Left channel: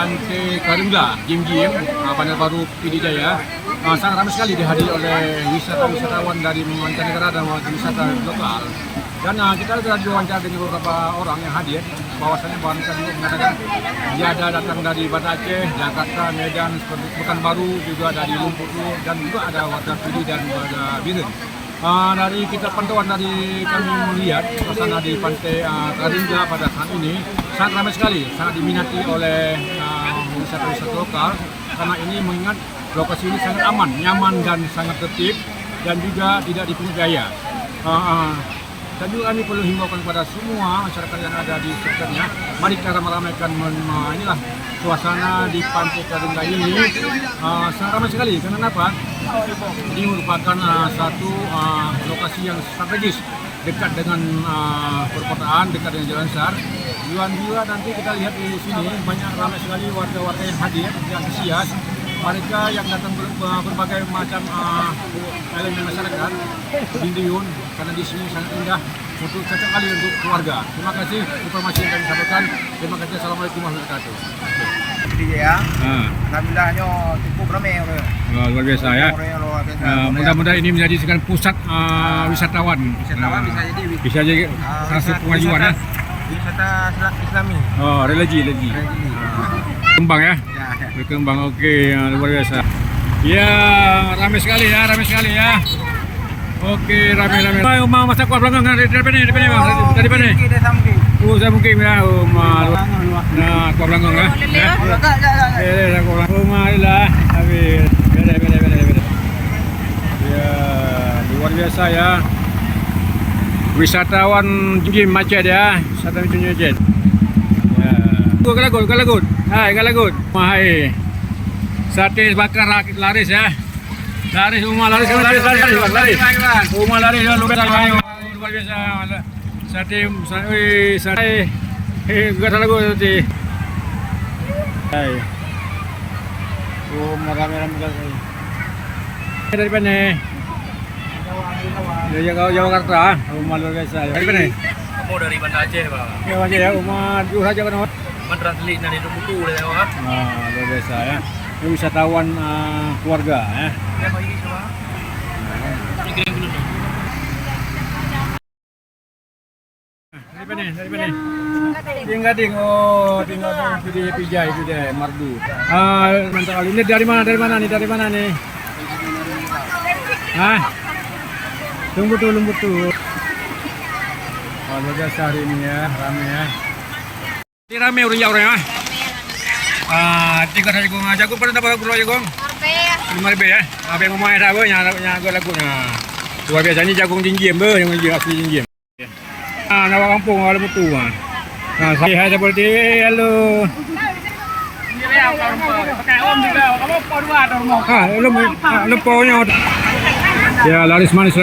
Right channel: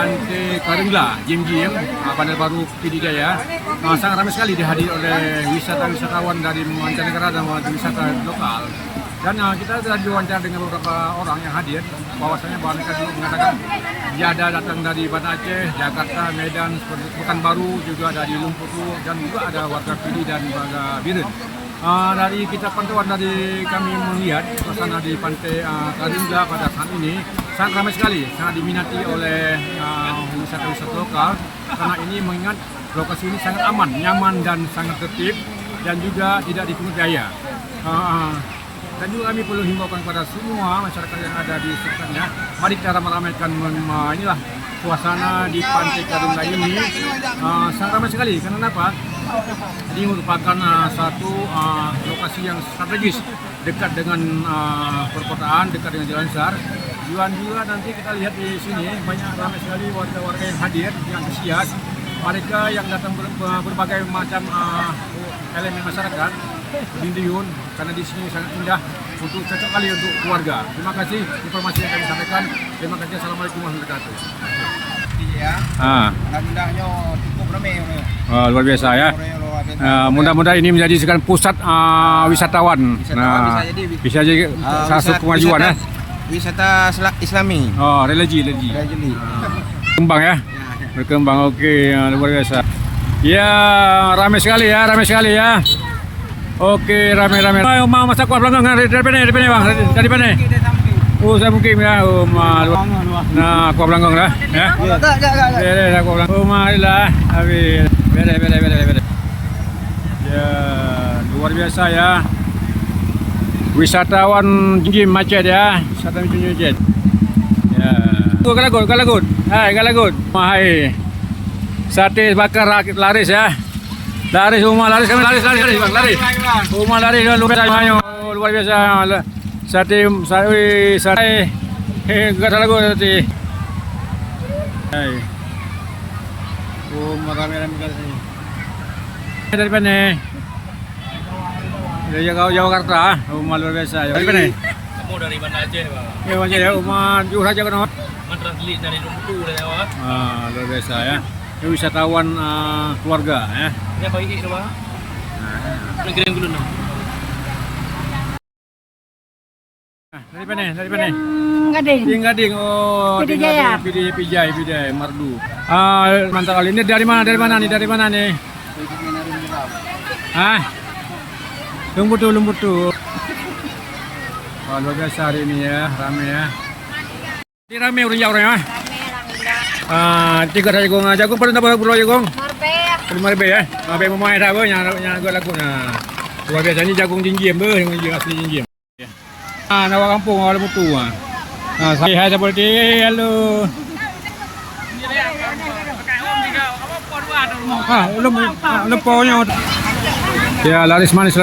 Pantai Karangla, Jim, Bandar Baru PD Jaya. Sangat ramai sekali dihadiri oleh wisatawan dari mancanegara dan wisata lokal. Dan kita sudah diwawancara dengan beberapa orang yang hadir, bahwasanya mereka juga mengatakan dia ada datang dari Banda Aceh, Jakarta, Medan, Pekanbaru, juga dari Lumputu, dan juga ada warga PD dan warga Biren. Dari kita pantauan dari kami melihat suasana di Pantai Karangla pada saat ini sangat ramai sekali, sangat diminati oleh wisata-wisata lokal karena ini mengingat lokasi ini sangat aman, nyaman dan sangat tertib dan juga tidak dipungut biaya. Dan juga kami perlu himbaukan kepada semua masyarakat yang ada di sekitarnya, mari kita ramai-ramaikan inilah suasana di Pantai Karangla ini sangat ramai sekali. Karena apa? Ini merupakan satu lokasi yang strategis, dekat dengan perkotaan, dekat dengan jalan besar. Juga nanti kita lihat di sini banyak ramai sekali warga-warga yang hadir, yang antusias. Mereka yang datang berbagai macam elemen masyarakat berdindiyun karena di sini sangat indah untuk cocok kali untuk keluarga. Terima kasih informasi yang kami sampaikan. Terima kasih. Assalamualaikum warahmatullahi wabarakatuh. Ya. Alhamdulillahnya cukup ramai orang. Luar biasa ya. Mudah-mudahan ini menjadi sekarang pusat wisatawan. Bisa jadi satu kemajuan ya. Wisata Islami. Oh, religi. Berkembang ya. Berkembang, oke, luar biasa. Ya, ramai sekali ya. Oke, ramai. Mau masak kuah belakang dari mana bang? Dari mana? Oh, saya mungkin ya. Nah, kuah belakang lah. Ya. Beda kuah belakang. Marilah. Habis. Beda. Ya, luar biasa ya. Wisatawan Jim Macet ya. Wisatawan Jim Macet. Ya. Galagut. Hai, Galagut. Hai. Sate bakar laris ya. Laris rumah laris Bang, laris. Rumah laris luar biasa. Sate. Galagut sate. Hai. Rumah ramai kali. Dari mana? Dari Jakarta. Rumah luar biasa. Dari mana? Kamu dari Banda Aceh, Pak. Ya, Aceh ya. Rumah Jurah aja kan. Mantrasli dari Lumputu udah lewat. Luar biasa ya. Ini wisatawan keluarga ya. Ini apa ini semua? Ini kirim dulu dong. Dari mana? Gading. Oh, tinggal di Pijai, Mardu. Mantap kali. Ini dari mana nih? Lumputu. Oh, luar biasa hari ini ya, ramai ya. Ini ramai orangnya. Tiga jagung pernah dapat berapa jagung? 5 ya. Apa yang mau ada apa? Nyangga lagunya. Luar biasa ini jagung jinjim yang asli jinjim. Nawa kampung awal mutu. Saya seperti halo. Lemponya. Ya laris manis.